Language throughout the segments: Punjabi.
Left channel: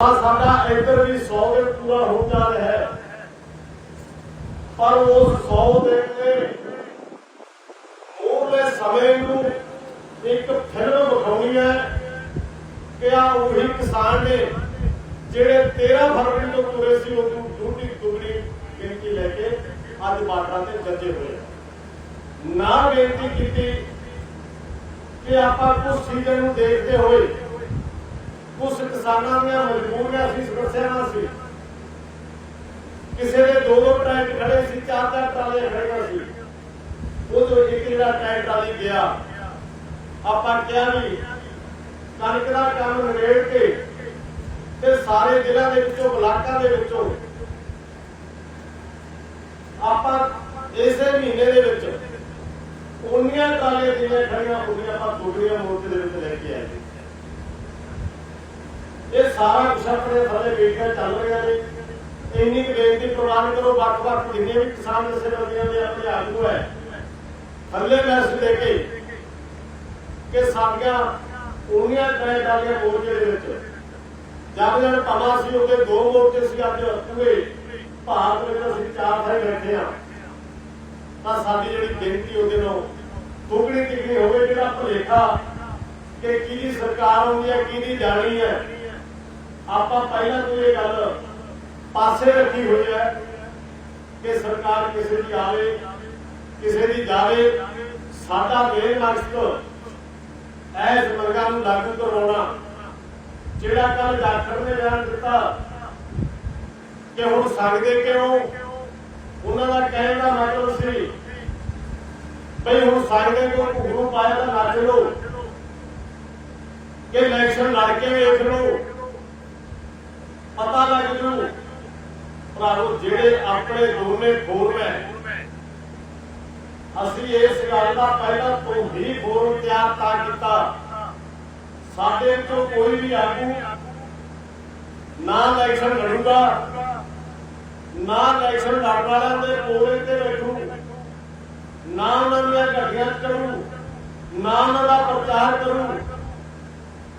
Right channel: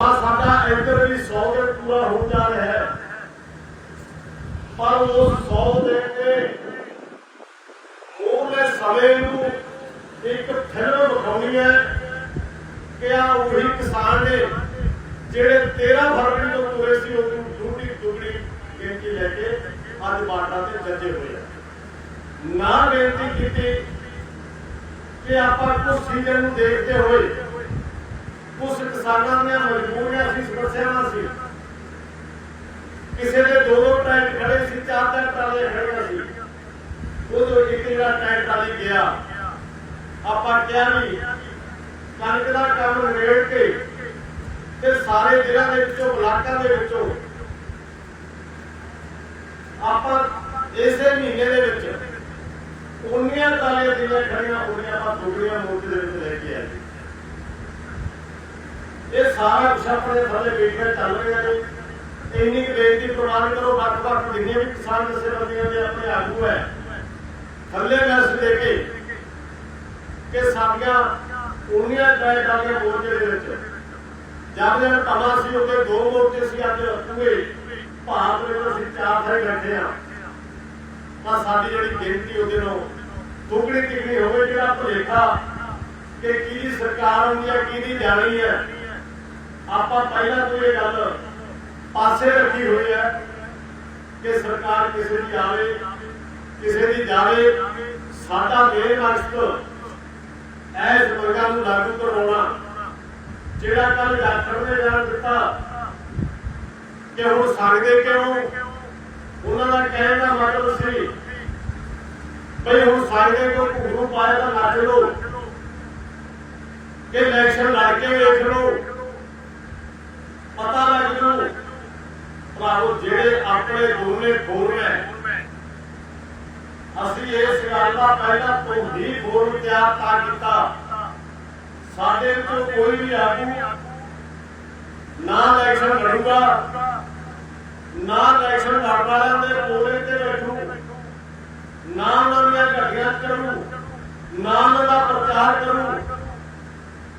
ਸਾਡਾ ਇੱਧਰ ਵੀ 100 ਦੇ ਪੂਰਾ ਹੋ ਜਾ ਰਿਹਾ ਹੈ। ਪਰ ਉਸ 100 ਦੇ ਕੇ ਸਮੇਂ ਨੂੰ ਇੱਕ ਫਿਲਮ ਵਿਖਾਉਣੀ ਹੈ ਕਿ ਆ ਉਹੀ ਕਿਸਾਨ ਨੇ ਜਿਹੜੇ 13 ਫਰਵਰੀ ਤੋਂ ਤੁਰੇ ਸੀ ਉਹ ਦੂਡੀ ਦੁਗਣੀ ਗਿਣਤੀ ਲੈ ਕੇ ਅੱਜ ਬਾਰਡਰਾਂ ਤੇ ਜੱਜੇ ਹੋਏ ਨਾ ਬੇਨਤੀ ਕੀਤੀ ਕਿ ਆਪਾਂ ਕੁਝ ਸੀਜ਼ਨ ਨੂੰ ਦੇਖਦੇ ਹੋਏ ਕਿਸਾਨਾਂ ਦੀਆਂ ਮਜਬੂਰੀਆਂ ਸੀ ਸਮੱਸਿਆਵਾਂ ਸੀ। ਕਿਸੇ ਦੇ ਦੋ ਦੋ ਟਰੈਕਟ ਖੜੇ ਸੀ, ਚਾਰ ਚਾਰ ਟਰਾਲੀਆਂ ਖੜੀਆਂ ਸੀ। ਉਹ ਤੋਂ ਇੱਕ ਜਿਹੜਾ ਟਰੈਕ ਟਰਾਲੀ ਗਿਆ, ਆਪਾਂ ਕਿਹਾ ਵੀ ਕਣਕ ਦਾ ਕੰਮ ਨਿਬੇੜ ਕੇ ਤੇ ਸਾਰੇ ਜ਼ਿਲ੍ਹਿਆਂ ਦੇ ਵਿੱਚੋਂ, ਬਲਾਕਾਂ ਦੇ ਵਿੱਚੋਂ ਆਪਾਂ ਇਸੇ ਮਹੀਨੇ ਦੇ ਵਿੱਚ ਉਨੀਆਂ ਟਰਾਲੀਆਂ ਜਿਹੜੀਆਂ ਖੜੀਆਂ ਹੋਈਆਂ ਆਪਾਂ ਦੁਗੜੀਆਂ ਮੋਰਚੇ ਦੇ ਵਿੱਚ ਇਹ ਸਾਰਾ ਕੁਛ ਆਪਣੇ ਥੱਲੇ ਬੈਠਿਆ ਚੱਲ ਰਿਹਾ ਨੇ ਇੰਨੀ ਕੁ ਬੇਨਤੀ ਪ੍ਰਵਾਨ ਕਰੋ ਵੱਖ ਵੱਖ ਜਿੰਨੇ ਵੀ ਕਿਸਾਨ ਜਥੇਬੰਦੀਆਂ ਦੇ ਆਪਣੇ ਆਗੂ ਹੈ। ਥੱਲੇ ਮੈਸੇਜ ਦੇ ਕੇ ਕਿ ਸਾਡੀਆਂ ਉਨੀਆਂ ਟਰਾਈ ਟਰਾਲੀਆਂ ਮੋਰਚੇ ਦੇ ਵਿੱਚ। ਜਦ ਜਦ ਤਮਾ ਸੀ, ਉਹਦੇ ਦੋ ਮੋਰਚੇ ਸੀ, ਅੱਜ ਪੂਰੇ ਭਾਰਤ ਵਿੱਚ ਅਸੀਂ ਚਾਰ ਸਾਰੇ ਬੈਠੇ ਆ ਤਾਂ ਸਾਡੀ ਜਿਹੜੀ ਗਿਣਤੀ ਉਹਦੇ ਨੂੰ ਦੁੱਗਣੀ ਤਿੱਗਣੀ ਹੋਵੇ ਜਿਹੜਾ ਭੁਲੇਖਾ ਕਿ ਕਿਹਦੀ ਸਰਕਾਰ ਆਉਂਦੀ ਹੈ, ਕਿਹਦੀ ਜਾਣੀ ਹੈ। ਆਪਾਂ ਪਹਿਲਾਂ ਤੋਂ ਇਹ ਗੱਲ ਪਾਸੇ ਰੱਖੀ ਹੋਈ ਹੈ ਕਿ ਸਰਕਾਰ ਕਿਸੇ ਦੀ ਆਵੇ, ਕਿਸੇ ਦੀ ਜਾਵੇ। ਸਾਡਾ ਮੇਨ ਮਕਸਦ ਐਸ ਮੰਗਾਂ ਨੂੰ ਲਾਗੂ ਕਰਵਾਉਣਾ, ਜਿਹੜਾ ਕੱਲ ਡਾਕਟਰ ਨੇ ਬਿਆਨ ਦਿੱਤਾ ਕਿ ਹੁਣ ਸਕਦੇ ਕਿਉਂ? ਉਹਨਾਂ ਦਾ ਕਹਿਣ ਦਾ ਮਤਲਬ ਸੀ ਬਈ ਹੁਣ ਸੰਗਦੇ ਕਿਉਂ ਘੁੰਗਰੂ ਪਾਇਆ ਤਾਂ ਨੱਚ ਲਓ ਕਿ ਇਲੈਕਸ਼ਨ ਲੜ ਕੇ ਵੇਖ ਲਓ ਪਤਾ ਲੱਗ ਜੂ ਭਰਾਵੋ ਜਿਹੜੇ ਆਪਣੇ ਦੋਨੇ ਫੋਰਮੈਨ ਅਸੀਂ ਇਸ ਗੱਲ ਦਾ ਪਹਿਲਾਂ ਤੋਂ ਹੀ ਫੋਰਮ ਤਿਆਰ ਤਾਂ ਕੀਤਾ। ਸਾਡੇ ਵਿੱਚੋਂ ਕੋਈ ਵੀ ਆਗੂ ਨਾ ਇਲੈਕਸ਼ਨ ਲੜੂਗਾ, ਨਾ ਇਲੈਕਸ਼ਨ ਲੜਨ ਵਾਲਿਆਂ ਦੇ ਕੋਲੇ ਤੇ ਬੈਠੂ, ਨਾ ਉਹਨਾਂ ਦੀਆਂ ਗੱਡੀਆਂ ਚੜੂ ਨਾ ਉਹਨਾਂ ਦਾ ਪ੍ਰਚਾਰ ਕਰੂ।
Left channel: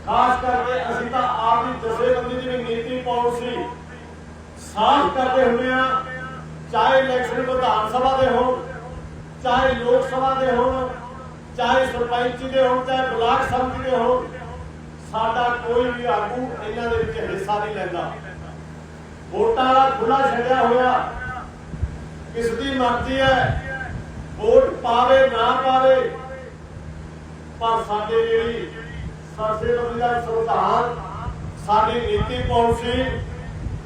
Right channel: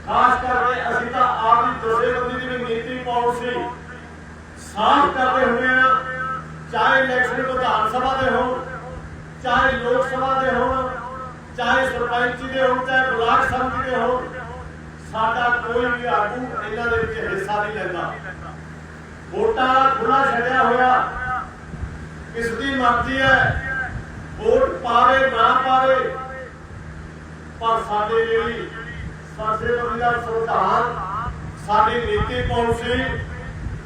ਖਾਸ ਕਰਕੇ ਅਸੀਂ ਤਾਂ ਆਪ ਹੀ ਜਥੇਬੰਦੀ ਦੀ ਵੀ ਨੀਤੀ ਪਾਲਿਸੀ ਸਾਫ਼ ਕਰਦੇ ਹੁੰਦੇ ਆ ਚਾਹੇ ਇਲੈਕਸ਼ਨ ਵਿਧਾਨ ਸਭਾ ਦੇ ਹੋਣ, ਚਾਹੇ ਲੋਕ ਸਭਾ ਦੇ ਹੋਣ, ਚਾਹੇ ਸਰਪੰਚੀ ਦੇ ਹੋਣ, ਚਾਹੇ ਬਲਾਕ ਸੰਮਤੀ ਦੇ ਹੋਣ, ਸਾਡਾ ਕੋਈ ਵੀ ਆਗੂ ਇਹਨਾਂ ਦੇ ਵਿੱਚ ਹਿੱਸਾ ਨਹੀਂ ਲੈਂਦਾ। ਵੋਟਾਂ ਦਾ ਖੁੱਲਾ ਛੱਡਿਆ ਹੋਇਆ, ਕਿਸ ਦੀ ਮਰਜ਼ੀ ਹੈ, ਵੋਟ ਪਾਵੇ ਨਾ ਪਾਵੇ, ਪਰ ਸਾਡੇ ਜਿਹੜੀ ਸਾਡੇ ਬੰਦੇ ਦਾ ਸੰਵਿਧਾਨ, ਸਾਡੀ ਨੀਤੀ ਪਾਲਿਸੀ,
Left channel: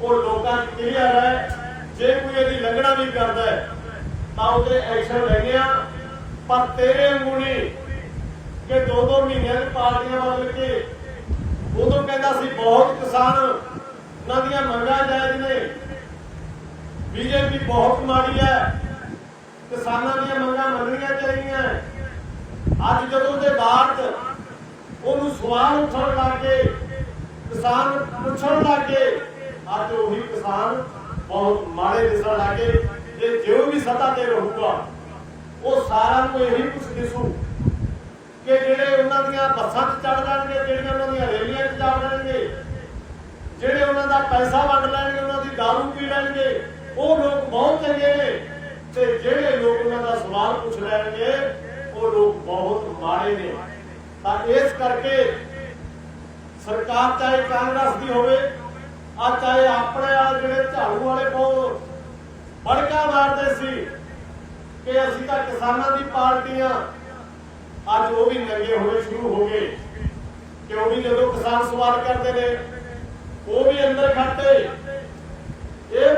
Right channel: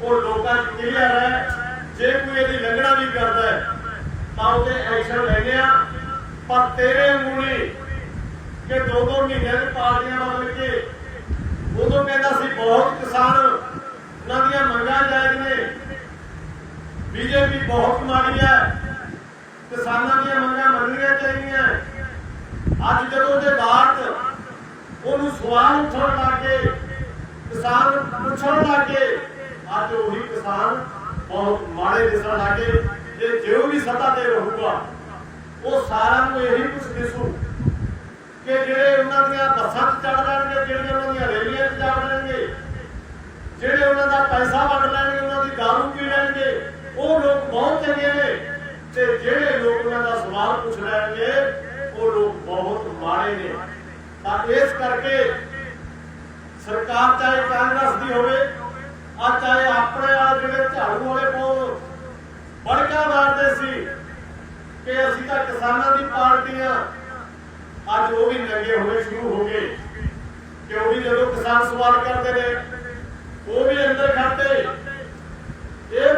ਉਹ ਲੋਕਾਂ 'ਚ ਕਲੀਅਰ ਹੈ। ਜੇ ਕੋਈ ਇਹਦੀ ਲੰਘਣਾ ਵੀ ਕਰਦਾ ਹੈ, ਤਾਂ ਉਹਦੇ ਐਕਸ਼ਨ ਲੈਣੇ ਆ। ਪਰ ਤੇਰੇ ਵਾਂਗੂ ਕਿ ਦੋ ਦੋ ਮਹੀਨਿਆਂ ਦੀ ਪਾਰਟੀਆਂ ਬਦਲ ਕੇ ਉਦੋਂ ਕਹਿੰਦਾ ਸੀ, ਬਹੁਤ ਕਿਸਾਨ ਉਹਨਾਂ ਦੀਆਂ ਮੰਗਾਂ ਜਾਇਜ਼ ਨੇ। ਬੀਜੇਪੀ ਬਹੁਤ ਮਾੜੀ ਹੈ। ਕਿਸਾਨਾਂ ਦੀਆਂ ਮੰਗਾਂ ਮੰਨਣੀਆਂ ਚਾਹੀਦੀਆਂ ਅੱਜ ਜਦੋਂ ਦੇ ਬਾਅਦ ਉਹਨੂੰ ਸਵਾਲ ਉੱਠਣ ਲੱਗੇ ਕਿਸਾਨ ਪੁੱਛਣ ਲੱਗੇ ਅੱਜ ਉਹੀ ਕਿਸਾਨ ਬਹੁਤ ਮਾੜੇ ਦਿਸਣ ਲੱਗੇ ਜੇ ਜੋ ਵੀ ਸੱਤਾ ਤੇ ਰਹੂਗਾ, ਉਹ ਸਾਰਾ ਨੂੰ ਇਹੀ ਕੁਝ ਦਿਸੂ ਕਿ ਜਿਹੜੇ ਉਹਨਾਂ ਦੀਆਂ ਬੱਸਾਂ 'ਚ ਚੜ ਜਾਣਗੇ ਜਿਹੜੀਆਂ ਉਹਨਾਂ ਦੀਆਂ ਰੇਲੀਆਂ 'ਚ ਚੜ ਜਾਣਗੇ ਜਿਹੜੇ ਉਹਨਾਂ ਦਾ ਪੈਸਾ ਵੰਡ ਲੈਣਗੇ, ਉਹਨਾਂ ਦੀ ਦਾਰੂ ਪੀ ਲੈਣਗੇ, ਉਹ ਲੋਕ ਬਹੁਤ ਚੰਗੇ ਨੇ ਤੇ ਜਿਹੜੇ ਲੋਕ ਉਹਨਾਂ ਦਾ ਸਵਾਲ ਪੁੱਛ ਲੈਣਗੇ, ਉਹ ਲੋਕ ਬਹੁਤ ਮਾੜੇ ਨੇ। ਤਾਂ ਇਸ ਕਰਕੇ ਸਰਕਾਰ ਚਾਹੇ ਕਾਂਗਰਸ ਦੀ ਹੋਵੇ ਆ ਚਾਹੇ ਆਪਣੇ ਆ ਜਿਹੜੇ ਝਾੜੂ ਵਾਲੇ ਬਹੁਤ ਬੜਕਾ ਮਾਰਦੇ ਸੀ ਕਿ ਅਸੀਂ ਤਾਂ ਕਿਸਾਨਾਂ ਦੀ ਪਾਰਟੀ ਆ। ਅੱਜ ਉਹ ਵੀ ਨੰਗੇ ਹੋਣੇ ਸ਼ੁਰੂ ਹੋ ਗਏ। ਕਿਉਂ ਵੀ ਜਦੋਂ ਕਿਸਾਨ ਸਵਾਲ ਕਰਦੇ ਨੇ, ਉਹ ਵੀ ਅੰਦਰ ਖੜਦੇ ਇਹ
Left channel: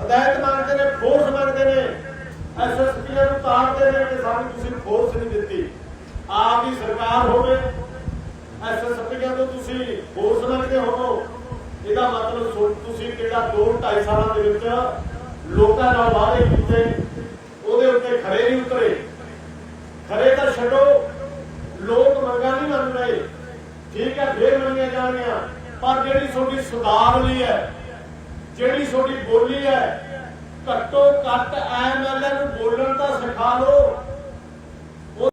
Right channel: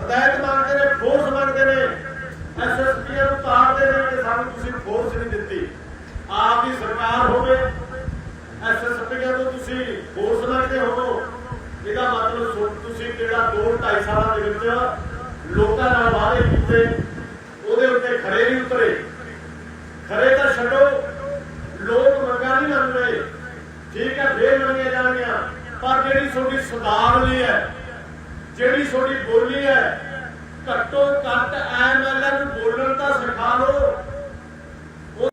ਹਦਾਇਤ ਮੰਗਦੇ ਨੇ ਫੋਰਸ ਮੰਗਦੇ ਨੇ। ਐਸਐਸਪੀ ਨੂੰ ਤਾੜਦੇ ਨੇ ਕਿ ਸਾਨੂੰ ਤੁਸੀਂ ਫੋਰਸ ਨਹੀਂ ਦਿੱਤੀ। ਆਪ ਦੀ ਸਰਕਾਰ ਹੋਵੇ ਐਸਐਸਪੀ ਨੂੰ ਤੁਸੀਂ ਫੋਰਸ ਇਹਦਾ ਮਤਲਬ ਸੋ- ਤੁਸੀਂ ਕਿਹੜਾ 2 2.5 ਸਾਲਾਂ ਦੇ ਵਿੱਚ ਲੋਕਾਂ ਨਾਲ ਵਾਅਦੇ ਕੀਤੇ, ਉਹਦੇ ਉੱਤੇ ਖੜੇ ਨਹੀਂ ਉਤਰੇ। ਖਰੇ ਤਾਂ ਛੱਡੋ, ਲੋਕ ਮੰਗਾਂ ਨਹੀਂ ਮੰਨ ਰਹੇ। ਠੀਕ ਹੈ, ਫੇਰ ਮੰਨੀਆਂ ਜਾਣੀਆਂ ਪਰ ਜਿਹੜੀ ਤੁਹਾਡੀ ਸ਼ਦਾਵਲੀ ਹੈ, ਜਿਹੜੀ ਤੁਹਾਡੀ ਬੋਲੀ ਹੈ, ਘੱਟੋ ਘੱਟ ਐਮਐਲਏ ਨੂੰ ਬੋਲਣ ਤਾਂ ਸਿਖਾ ਲਓ।